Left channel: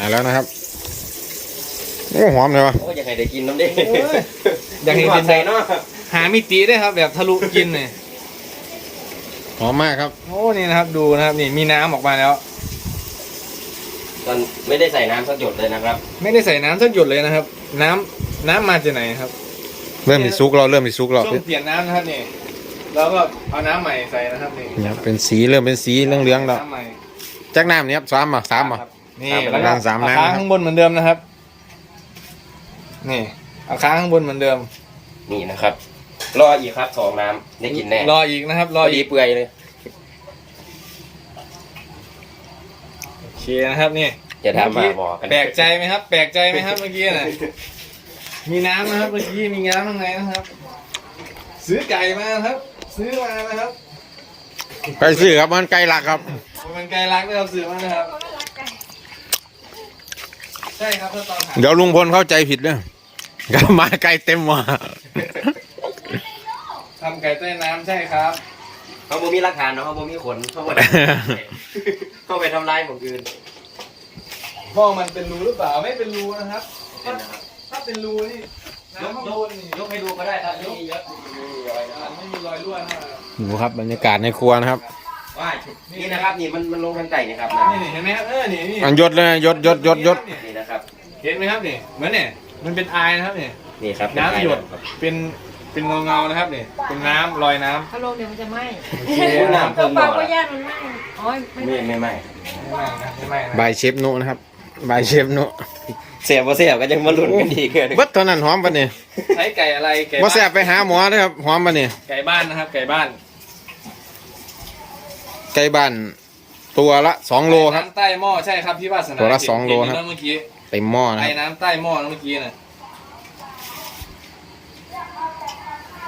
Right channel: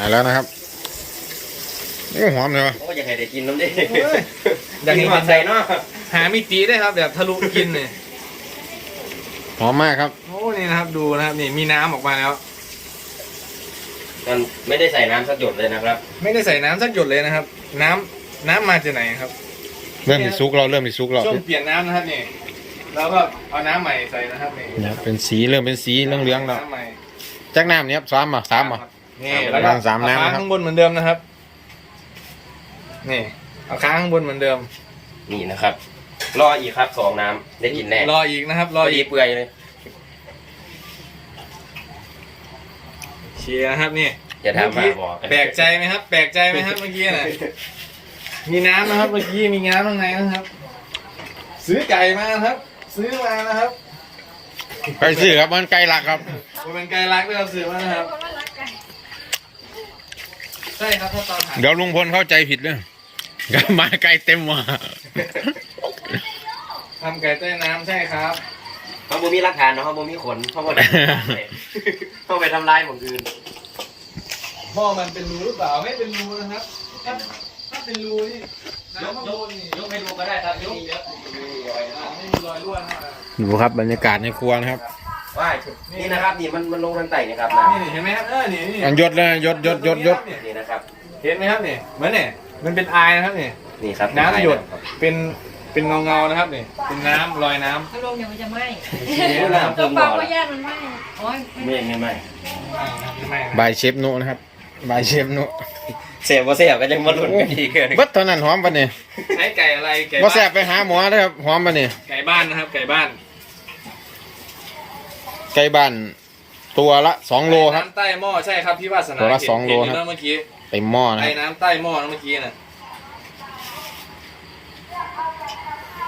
มาแล้วนะครับโอ้หอมเลยวะโอ้ยังไงได้กินน้ำดิโอ้ยอยากเห็นกินใจเนาะหามิติได้วยครับ แบบทะลุกินเนี่ยหอมมากครับโอ้นี่นะครับดูนะครับนี่มีน้ำออกมาแล้ว มันไม่ได้ใส่น้ำสักหยดเลยนะครับ ไม่ได้ใส่น้ำสักหยดเลยนะครับ น้ำน้ำมาจากไหนครับเริ่มมีซุกเราเริ่มมีซุกเราช่วงเปลี่ยนน้ำนะครับนี่แล้วก็เอาน้ำใหม่ใส่นะครับนี่เนี่ยเป็นสีเริ่มเป็นสีเหลืองๆแล้วน้ำใหม่จากน้ำเนี้ยสามอะสามอะ นี่สามแล้วก็น้ำสามน้ำนะครับเอค้างข้างบนเหมือนเดิมนะครับ นี่เอาค้างข้างบนเหมือนเดิม นี่นะครับ รออีกครับสองน้ำได้กินแน่รออีกนะครับรรอออีดีกเปื่อยเลยเชียร์นะครับนี่อย่าถามมาบอกกันแปลกใจไหมครับ แปลกใจไหมครับเมื่อกี้น่ะมีน้ำนะครับเมื่อกี้มีน้ำข้างในนะครับ ซื้อไก่มาครับ ซื้อมานะครับ ไปซื้อครับมันไก่หลักครับ ผมเป็นไก่รักด้วยครับซื้อมานะครับ ใช่ครับถ้าตอนหาเดี๋ยวลุงพลเข้าใจผิดเรื่องก็มาไก่เต็มว่ะทำไก่ใต้น้ำใช่ครับเขาบ่มีหลักฐานเนาะเขาบ่มีขนเขาบ่ได้เขาไปทำลายหมองอื่นพ่อมันเป็นรูหรือเปล่าไม่เป็นรูนะครับถ้าถ้าเป็นรูนี่น้ำข้างบนนี่ยกให้ดูก็ได้ครับมีเยอะอ่าไม่มีรอยรั่วนะครับดูครับบรรยากาศในครัวนะครับ ว่านี่นะครับนี่มันมันลงทางไต่นี่ครับนะนี่นี่เห็นไหมครับเออนี่นี่อันยศเลยยศยศยศยศนี่นะครับ เห็นไหมครับนี่เหมือนเนี่ยมันเป็นอายนะครับนี่นี่ครับน้ำหยดครับเป็นเป็นเงาเงาๆนะครับนี่เป็นน้ำลอยน้ำถ้าลงเดี๋ยวมันจะไหม้โอ้น้ำเพิ่มหปน่ลาอก็ละย่างมันไหม้อ๋อไม่ไม่ไม่ไม่ไม่นะครับไม่นะบายเชฟนุนะครับบายเชฟนุเสียบ่เสียก็ยังมาลุ้นกันอีกเกินเบิดเท่านั้นหอมปะเนี่ยใช้ไก่อะไรไก่ว่าบ้านแสบไปหาหมอนะครับหอมปะเนี่ยไก่บ้านนะครับ ไก่บ้าน ไก่บ้านตัวละสองโลครับน้ำใต้หม้อใช่ครับพี่วาสนาตัวละเห็นสองโลเห็นครับนะเมื่อกี้ เต็มหม้อนะคไอ้รับน้ำใต้หม้อนะเมื่อกี้นะ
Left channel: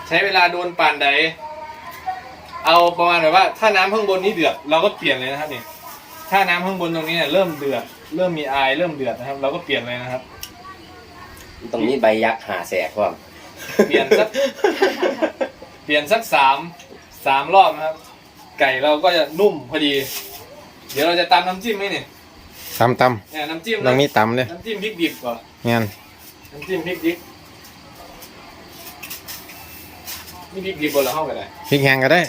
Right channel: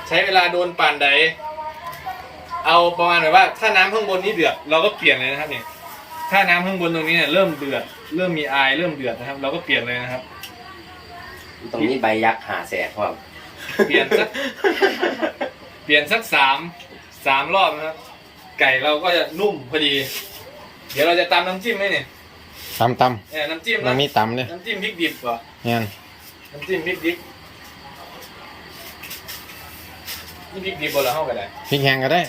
ใช้เวลาโดนปั่นใดเอาประมาณแบบว่า ถ้าน้ำข้างบนนี้เดือด เราก็เปลี่ยนเลยนะครับนี่ถ้าน้ำข้างบนตรงนี้เนี่ยเริ่มเดือด เริ่มมีอายเริ่มเดือดนะครับ เราก็เปลี่ยนเลยนะครับ ตรงนี้ใบยักษ์หาแสกว่าเปลี่ยนสัก เปลี่ยนสักสามสามรอบนะครับ ไก่เราก็จะนุ่มพอดี เดี๋ยวเราจะตามน้ำจิ้มไหมเนี่ย ตำตเนี่ยน้ำจิ้มำนะต้องมีตำเลยน้ำจิ้มพริกดิบเหรองั้นน้ำจิ้มพริกดิบนี่พริกดิบบ่เหรอเข้ากันได้พริกแห้งก็ได้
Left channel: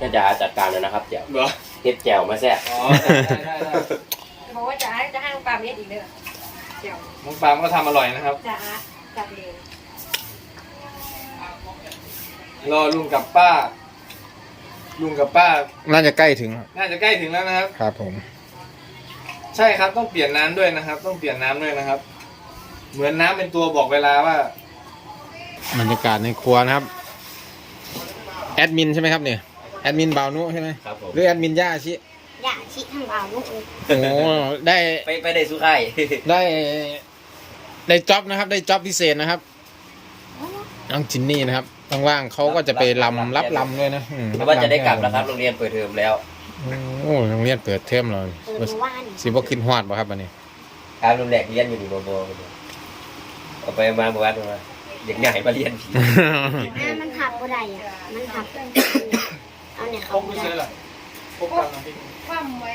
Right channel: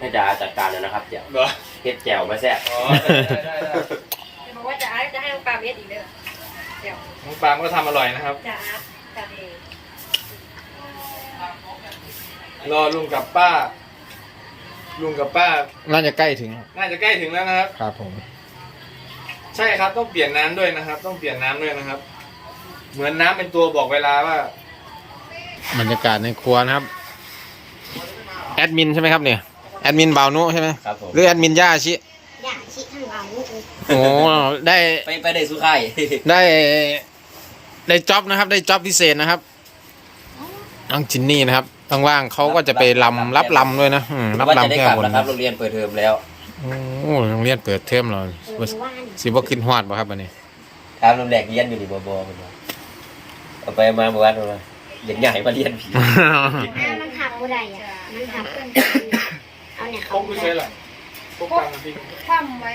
ก็จะจัดการเลยนะครับเดี๋ยวเหรอเฮ็ดแจ่วมาแซ่บอ๋อได้ได้ได้จะบอกว่าจะอาร์ตจะให้ปลาเม็ดอีกเด้อเดี๋ยวน้องปาล์มก็ทำอร่อยนะครับ จะอาร์ตจะเดย์รอลุงกับป้า ลุงกับป้า น่าจะใกล้ถึงครับน่าจะใกล้ถึงแล้วนะครับ ครับผม ใช่ครับต้องเปลี่ยนน้ำด้วยนะครับ ต้องเปลี่ยนน้ำด้วยนะครับ เหมือนน้ำเป็นตัวบอกเวลาว่า บรรยากาศในครัวนะครับ แอดมินใช่ไหมครับเนี่ย แอดมินบ่าวนุใช่ไหมครับผม หรือแอดมินย่าชิ อย่าชิทั้งเอาลูกเอ้ยโอ้ ได้ ไปไปได้สุข่ายได้ ได้จ็อบนะครับ ได้จ็อบพิเศษนะครับน้องจินนี่นะครับต้องว่างเขาก็จะไปลำรับลำด้วยนะอืมรับว่าจะลำได้แก้กลับบนนะคครัรับบโรงเรียนเปิดเทอมแล้ว โอ้โรงเรียนเปิดเทอมแล้วเปิดว่านสิบ่ขึ้นฮอดบ่ครับอันนี้ครับรุ่นแรกเรียนอยู่นี่บ่บ่บ่บ่เอาไปมาบ่ว่าตรงนั้นเด็กใหญ่มาเรียนผีอ่ามันหับบ่ได้อะ มันหับเอาเนี่ยพเขากผู้ใช้หรอพกตังค์พี่คว่ำไว้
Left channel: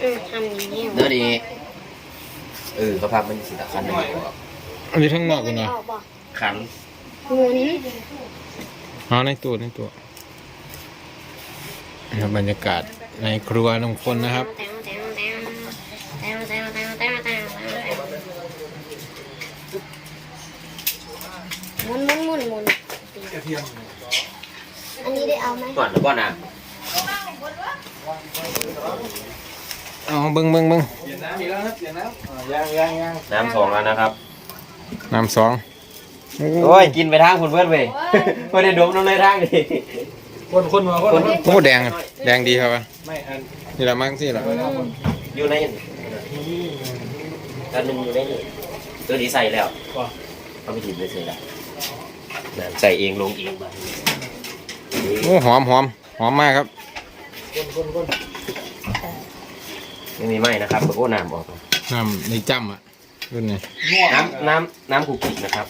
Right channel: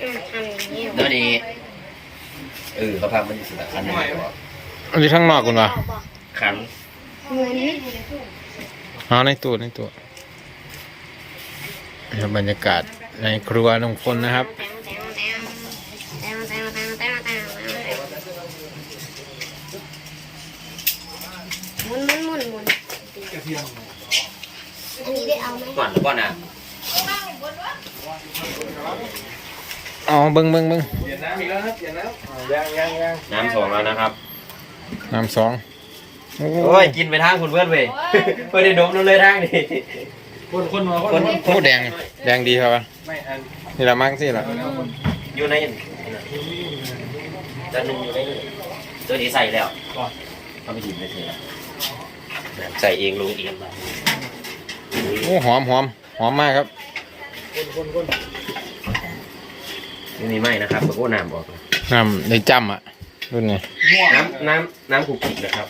อืมทำอย่างนี้เดี๋ยวนี้เออเขาพับมันอยู่สิบคันหนึงอันนี้ข้างนอกคุณวะขันหมุนเอาในตู้ในตู้นะครั บรรยากาศในครัวลุงพลนะครับ หมุนหมุนหมุนหมุนกระเทียมอันนี้ได้เอาไหมก่อนแล้วก็น้เอาเบิ้งเบิ้งเบิ้งเปลี่ยนน้ำอีกแล้วครับเปลี่ยนน้ำยังยังยังน้ำสองแล้วนะครับ น้ำสองโอ้โอ้ยกินไปทางคุณเพื่อนเว้ยไม่ได้ดมลงเลยทางนี่ คนคนมาคนมาโหแดงแดงดีครับวะไม่อันนี่ละมั้งสิละอยู่ในอันหนึงอยู่ในนี่ตัวนี้ใส่แล้วอ๋อเอาไปหยิบไปใส่แล้วใส่เองลงเองมาโอ้หอมหอมหอมมากครับคนคนคนไม่มีไหมนะครับแล้วก็น้ำออกนะน้ำในจ้ำอะรุ่นนี้ม่วงน้ำน้ำน้ำคุกกี้นะครับ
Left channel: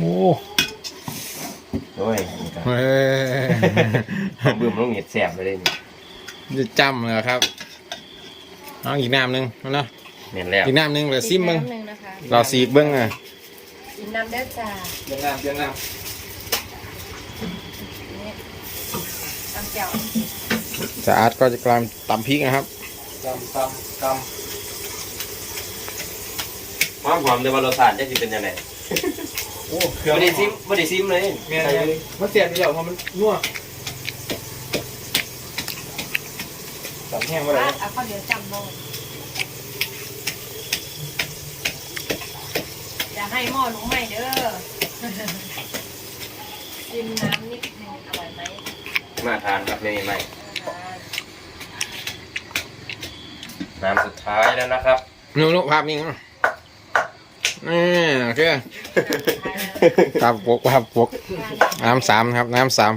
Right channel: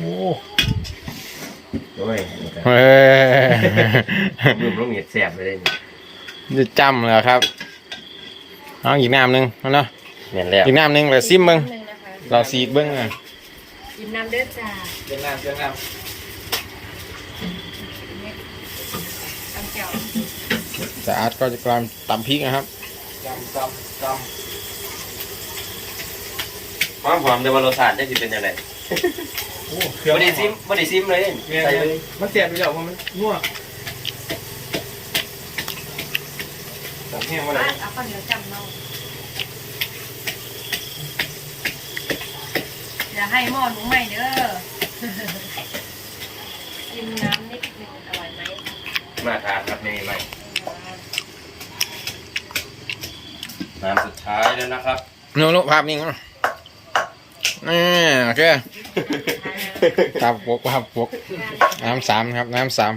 โอ้ โอ้ยนี่ครับเฮ้ยเอาเบิ่มลงเห็ดแสบไปเลยนี่จะจ้ำเลยครับเอาอีกน้ำหนึ่งเอาเนาะเห็นแล้วอีกน้ำหนึ่งเลยซิมเบิ้งหนึ่งนะคะเราสีกเบิ้งเลยกินน้ำเด้อจ้าเพียงน้ำเพียงน้ตำแจ่วจะอาร์ตก็จะกลายตำพริกนะครับำจำจำจความหอมแต่ว่ารสชาติจะสิเป็นยังไงำ โอ้เครื่องบ่ได้ซิมบ่ได้ซิมเลยเมียใส่นมันเสียบไปแล้วเพราะมันนัวสั่งแห้งมาเลยเอาข้าวเหนียวจำเราอย่าให้หม้อหนูไหม้เด้อกินน้ำนิดนึงอร่อยไหมมาทานครับนี่ใหม่น้ำสุดท้ายแล้วนะครับ นูนุภาพนิ่งนะนี่โอเค ครับปกครับปกน้ำสามครับ น้ำสาม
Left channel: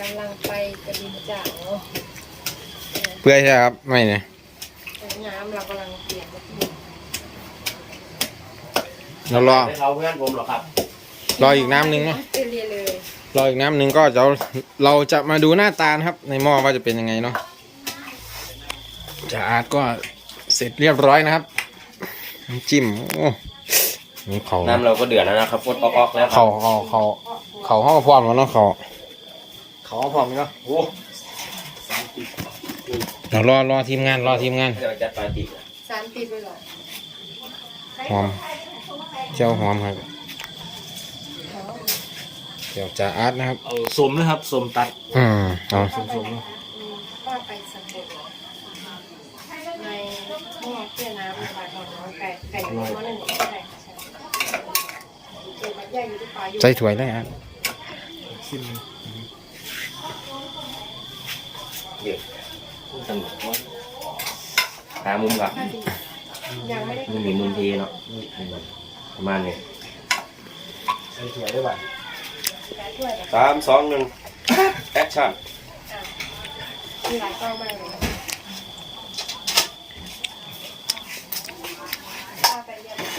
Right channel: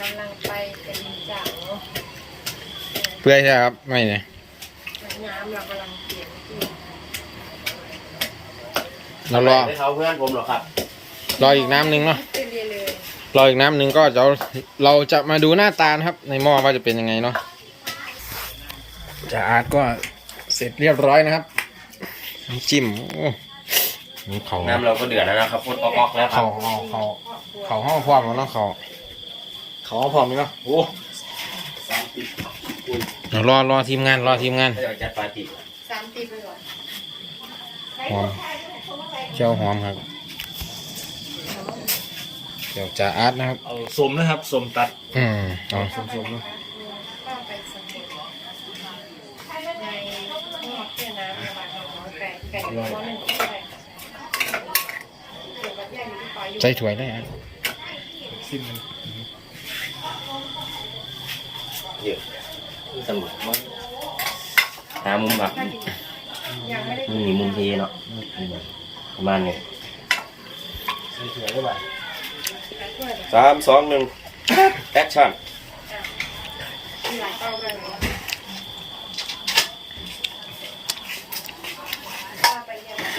กำลังไปกระดิ่งจ่างเนาะเพื่อใช่ครับไม่เนี่ยน้ำเรากำลังเปลี่ยนที่เรารอไม่เขาเพื่อนผมหรอกครับ รออีกน้ำหนึ่งเนาะเรียเลยรออีกน้ำหนึ่งก็จะเอาเราจะมาดูหน้าตานะครับ ในหม้อว่าจะเป็นยังไงเนาะจะอาร์ตก็เสร็จเรียบร้อยนะครับน้ำจิ้มโอ้ นี่เขาน้ำเราก็เดือดแล้วนะครับพดออกๆแล้วครัเขาบเขาเขาเขาห้องพร้อมแล้วเนาะเขาเขาพร้อมไหมเนาะโอ้เดี๋ยวรอรอทีมงานรอทีมงานให้เราจัดปาร์ตี้สามปีไปหรอหอมเจ้าหอมครับเดี๋ยวจะอาร์ตนะครับ เอาสมนะครับสมตัดอืมเอาสมสมๆเนาะว่าไปสำเร็จในหม้อเพื่อน้ำระบายความร้อนไก่ไก่หม้อหนึ่งก็ได้ค่ะใช่เก็บวัด ใหญ่อยู่ที่ปลายอยู่ใส่ถ้วยได้อาร์ตซิมมันเยอะตำรวจหามุมครับยังไม่ได้นี่มุมทีเนาะประมาณนี้ใส่ถั่วได้ป่ะแปดถ้วยแบบสามสองหนึ่งแอคชั่นมีหลายเต้ามากเลยนะว่าไปเยี่ยม น้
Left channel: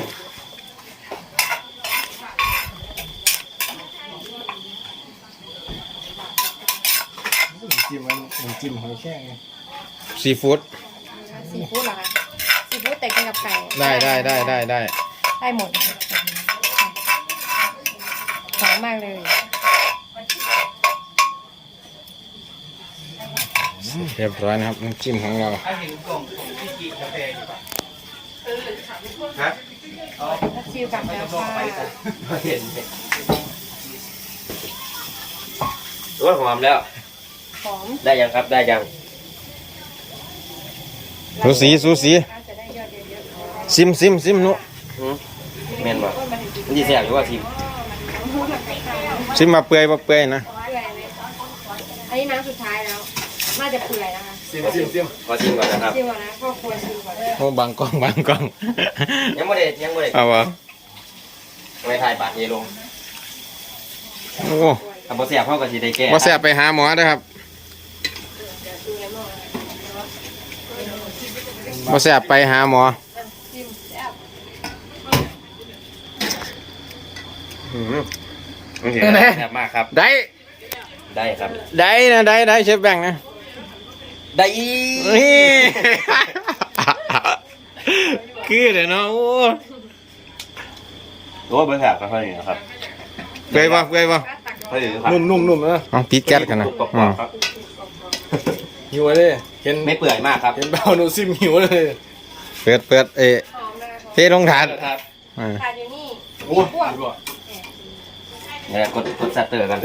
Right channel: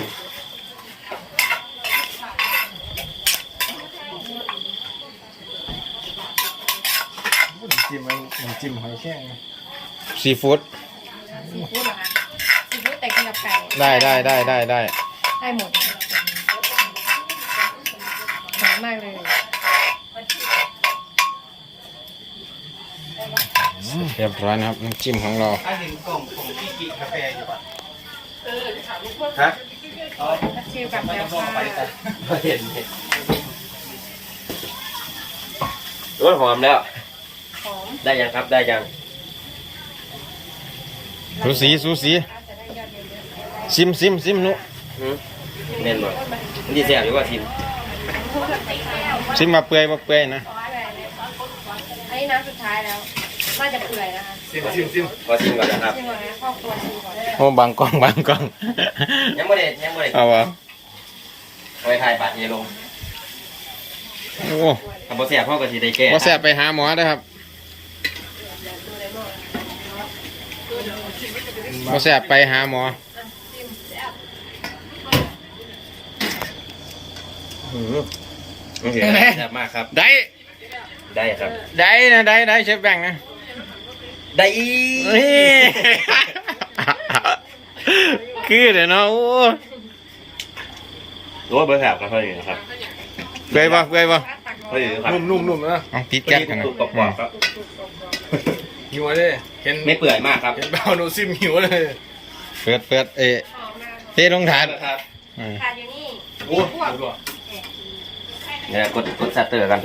ำ จิ้มมันน้ำจิ้มหอยแครงนะซีฟู้ดซีฟู้ดเหรอคะซีฟู้ดแต่กินกับไก่ได้ได้ได้ได้ได้ได้หมดหอมมากเลยเรียบร้อยนะครับน้ำจิ้มของเราถ้าเห็นกล่องของพี่กินกาแฟอยู่ป่ะฮะถ้าชิลกับแล้วค่ะเห็นเห็นโอ้ยหอมแล้ว หอมได้ยังครับได้ยังสูสีสูสีจะได้ยอดเยอะซิมซิมซิมนุหืมแม่นบอกมันดีแซ่บหรือว่าทิมซิมมาเปื่อยมาเปื่อยนะๆอันนี้น้ำสุดท้ายแล้วน่าจะเปื่อยนะคะซิมซิมซิมว่าทิมก่อนนะครับชิมก่อนนะพ่อครัวชิมก่อนโอ้บางกล้องบางกล้องยังไม่ได้ยังไม่ได้เอาวะไว้ถ่ายบัตรนี้ลงโอ้ทำโปรเสียพ่อก็ทีได้แก้ว่าแซ่บไปหาหมอเด้อครับ ว่าแซ่บไปหาหมอชิมแซ่บหืมโอเคแซ่บมากครับ ได้ได้ครับ ได้นะได้ได้เชฟแบงค์นะ ได้อีเฮ้ยคือเดี๋ยวเนาะโอ้โอ้เบอร์แถบก็เท่านี้นะครับเปื่อยป่ะเปื่อยป่ะเท่านี้ครับนุ่มๆนุ่มๆนะต้องปิดแก๊สกันนะกรอบๆครับ หิวเลย เห็นไม่เปื่อยมากครับเห็นเบาโนซิมหิวเลยเปิดเปิดเอะหอมนะคะเทลงถาดครับอ่าทานอยู่นี่โอ้ยบ่เดี๋ยวกดกดซัตเตอร์กัน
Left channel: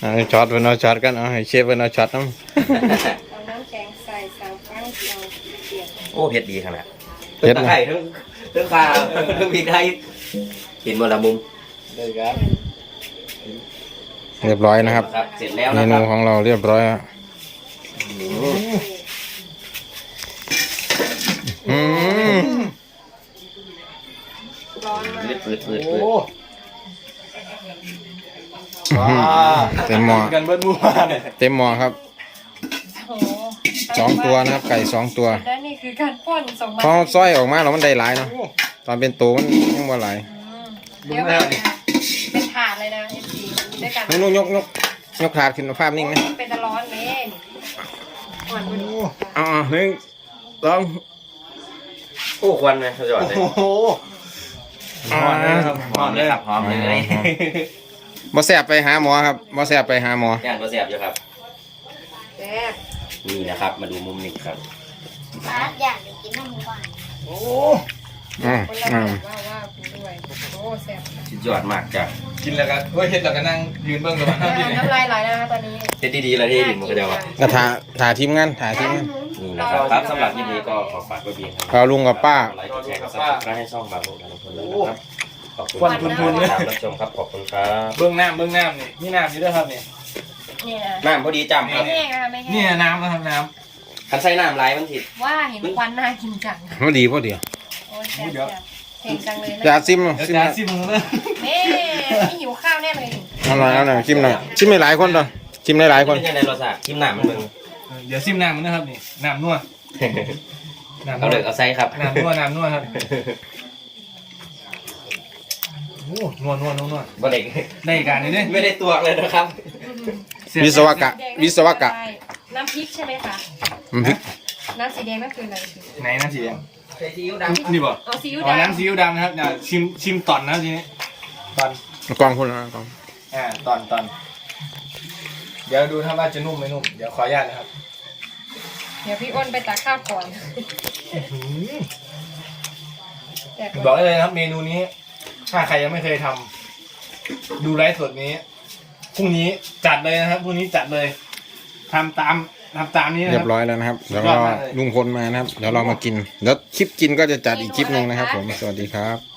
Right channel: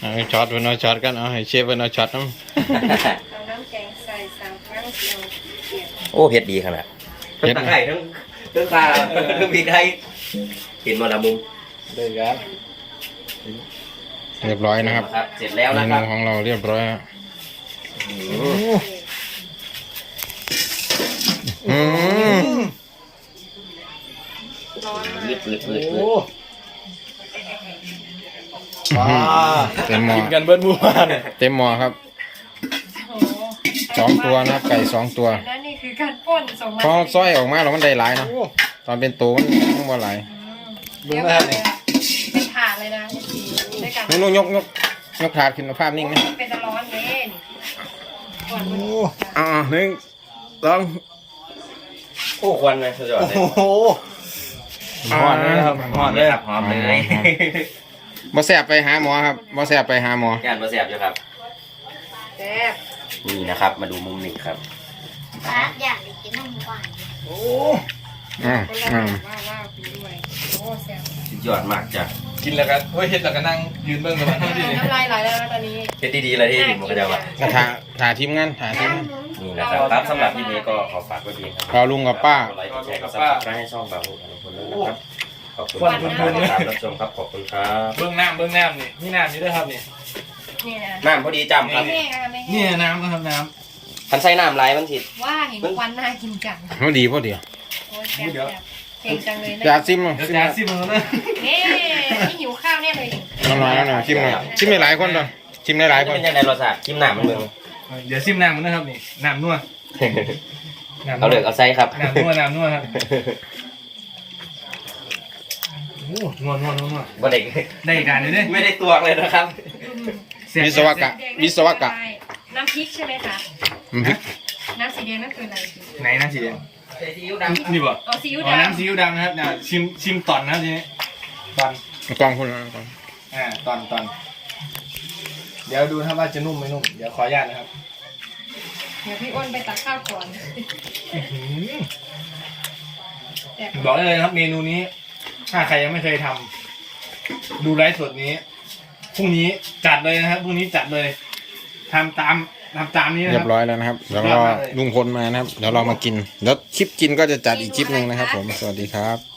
เอาช็อตเป็นเอาช็อตกันเอาให้เชฟเป็นเอาช็อตน้องเอาน้ำแกงใส่สามครั้งเดียวเปลี่ยนโอ้เผ็ดดีขนาดทั้งตะไคร้ทั้งทั้งข่าทั้งพริกไทยเห็นหมดละมุมได้ครับเรียบร้อยนะครับ เสร็จแล้วเมนะคนูรับของเราเรียบร้อยแล้ว อืมอืมร้อนปืดปืดปืดโอ้ปืดอื้อหือเต็มหม้อกินกันเบิ้ลมู่บ้านเต็มหม้อครับโอ้โหสองตัวนะครับ ไก่สองตัว และนี่คือการป้นสองพอซอยออกมาแล้วมันได้หลายเนาะตอนเป็นตัวมันยังบ่หลายเดี๋ยวเราเป็นถาดเลยนะเอฟซีด้วยกันนุ่นยกยกยกถาดขึ้นมาภาพนิ่งนะเป็นตะร้อนเล่นก่ อนเอ๋อาหนึ่งสองโอ้ควันเลยสุดยอดเลยโอ้โหอ่าหอมเลยครับหอมเลยบ่แสบไปหาหมอครับบ่แสบไปหาหมอย่านมาแสบอยู่ครับแซ่บนี่นะครับ มาดูมุมนี้ครับป้าอยากกินน้ำหวานโอ้อืมคนละอืมว่าว่ากินด้วยโอ้แซ่บสุดยอดมากจ้ะ กินแล้วกันเฮ้ยเฮ็ดแล้วก็นั่งยืนเบิ่งกับมันเท่าที่นี่น้ำลายไหลแล้วนะตอนนี้เฮ็ดดีๆเลยที่ดินมันก็จะว่าก็ถ่าถ่าทีมงานถ่าทีมงาน นี่นะครับครับสำหรับคลิปนี้ก็ขอฝากไว้เพียงเท่านี้เราลุงกับป้ากดไลค์กดแชร์กดซับสไครต์ให้ช่องบาโบกับลุงพลด้วยนะครับ ขอบคุณที่ติดตามรับชมครับขอบคุณครับเบื้องน้ำเบื้องน้ำนี่นี่น้ำนี่ด้วยครับนี่นี่นะน้ำพอดีจำครับไม่แห้งนะคะไม่นี่แห้งน้ำนะครับน้คันใส่น้ำไหลมันสิว่าเห็นควันน่ากินจังพอดีพอดีโอ้แซ่บแซ่บเก่งจังเลยนะอย่าซิมำเดี๋ยวซิมจะซิมมึงนะเฮ้ นี่หิวข้าวแน่เลยเอาหน่อยเอาหน่อยชิมหน่อยชิมให้หลายคนดองชิมให้หลายคนเป็นยังไงรสชาติกินน้ำมันเบิ่งเดี๋ยวซิมน้ำมันนะครับนี่น้ำนัวน้ำเอานัวเลยเอาใส่ครับน้ำนัวน้ำนัวครับโอ้นัวนัวนัวนัวบ่ได้ได้การเลยเนี่ยไม่ได้ตวงเลยนะครับวิศวกะ วิศวกะน้ำพริกใช่ไหมคะอืมน้ำสีแดงนั่นคืออะไรไหนน้ำสีแดงใส่ซีอิ๊วดนี่บ่โอ้ซีอิ๊วอ๋อดำน้ำซีอิ๊วดำนะครับเนี่ยชิมชิมตอนนะครับทีนี้ตอน กล้องพูดแล้วกล้องอ่าตอนตอนเดี๋ยวดูถ้าว่าจะนุ่มไม่นุ่ม เดี๋ยวขออนุญาตนะครับเดี๋ยวพี่อ้นไปตักข้าวก่อนแต่บอกได้เลยนะครับ เมนูนี้ ถ้าใครยังไม่เคยทำดูไลฟ์สดนี้พรุ่งนี้จัดเลยนะครับพรุ่งนี้จัดเลยทำตามทำตามนี้นะเรีคยรับบร้อยแล้วนะครับ เดี๋ยวรอลุงพลมานะครับ เดี๋ยวเรามากิน แล้วคลิปกินก็จะจัดอีกคลิปหนึ่งนะครับ ผม สวัสดีครับ